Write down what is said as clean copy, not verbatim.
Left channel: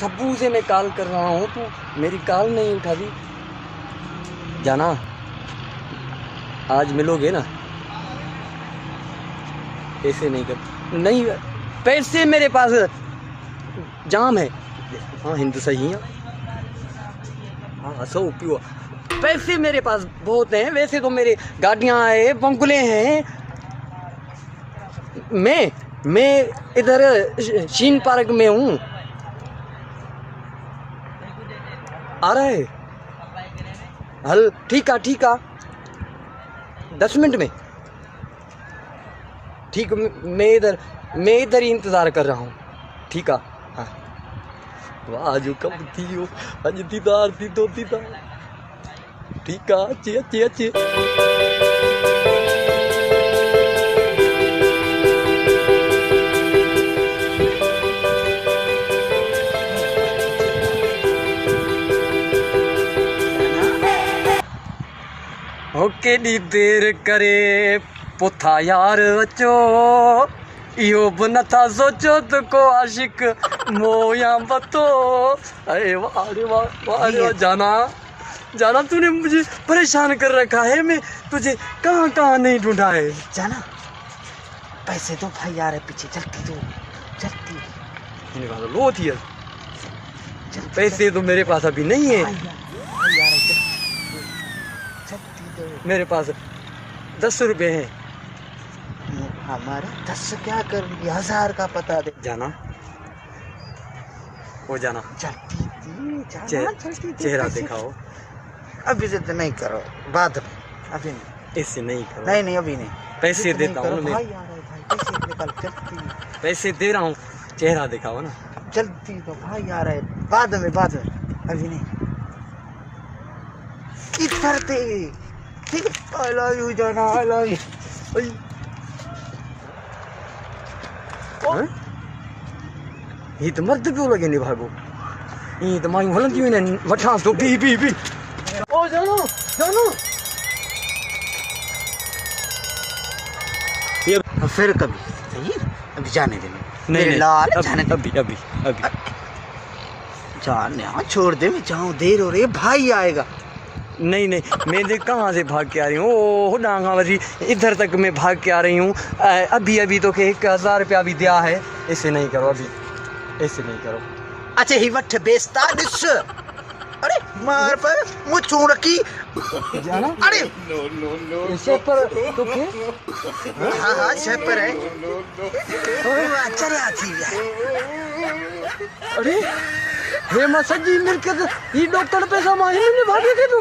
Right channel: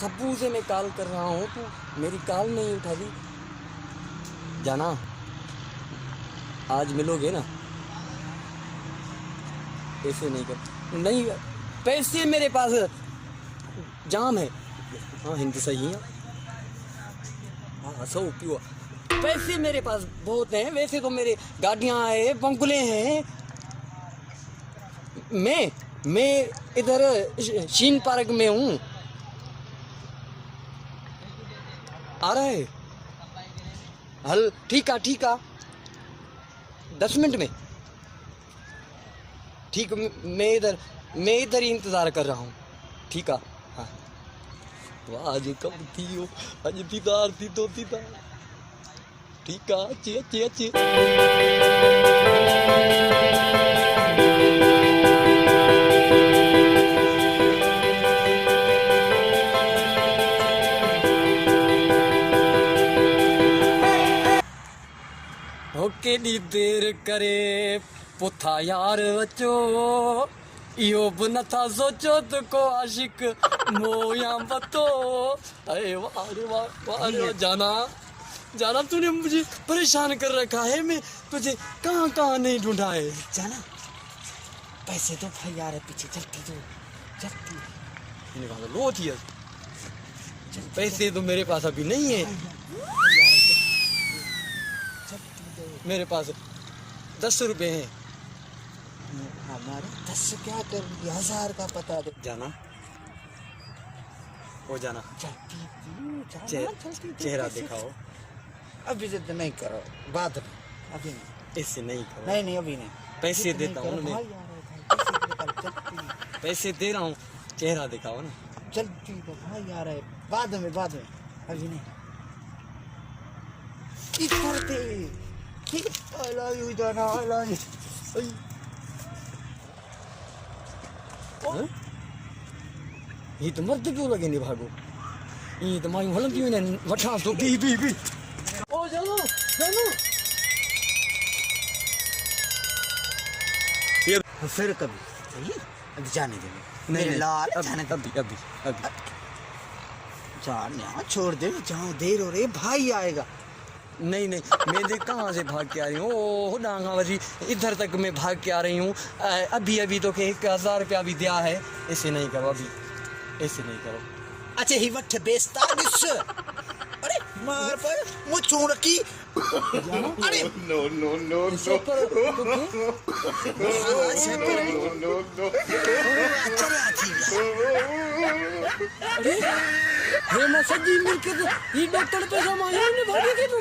सब्बू से मैं कॉल कर रहा हूँ, तू मेरी कॉल नहीं उठा दी। जाना, आज मिलोगे ना? ऐसे नहीं कर, नहीं पैसे मेरे पास जाम है। हाँ हिंदी सही है। हाँ सो पियो, पैसे मेरे पास बहुत हैं। वैसे तो मेरे गाड़ियाँ हैं, बंगले हैं। मैं इधर शीन पार्क में हूँ। आ रहा है? हल ठीक है 10 मिनट में। ठीक, मैं इधर ही इंतज़ार कर रहा हूँ। ठीक है। हाँ आज कब थी हो, आज दीदार थी दो दीदार। ठीक है, अच्छे। ओके दी देर करे पुथा यार अचो, इहो बन था सोचो तो को आशिक मोया बतो। अरे वाह जाना तूने मुझे परेशान कर रखा है। मैं तुझे कहाँ नहीं ढूंढा है। जाना, पैसे दो भाई यार है पीछे, जल्दी लो थी पैसे तो मेरे पास अभी नहीं है। मेरे पास 10 रुपए हैं। हमारे 10 क्या कर, 1000 का पता दे। जाना, हो जाना, जल्दी चेहरा दिखाओ। अभी जिद नहीं करो, बाद में, अभी नहीं। इससे नहीं करो। नहीं अभी नहीं। पैसे देता हूँ मैं, पैसे दे रहा हूँ, चेहरा दिखाओ ना। जल्दी दो भाई यार है, बाद में, अभी नहीं। इधर दे, ठीक है। आई लव यू जाना, आई लव यू। ये तो मर्द क्यों लगे नहीं भागो, ये तो मायूं हलंदी हुई ने वठा तो पी ओ जानो ये फिर कभी सही, अभी जाने दे। नहीं लाल जाने अभी जाने, हाँ छोड़ दे, मैं जाऊँ, देर हो रही है, भाई आएगा। नहीं मैं देख कहाँ से भाग के आ रही हूँ। ओ डांगा वजी इधर तक मैं भाग के आ रही हूँ। अभी तो के 1000 रुपया भी दिया है। ऐसे नहीं करो, अभी ऐसे नहीं करो। अच्छा ही वठ बेचता दिस। अरे मार पर मुँह चूड़ रखी। अरे नो हाँ पर है। चला थी अरे हे मसजी मिलकर ये डॉक्टर पे समाये नहीं भागे के तो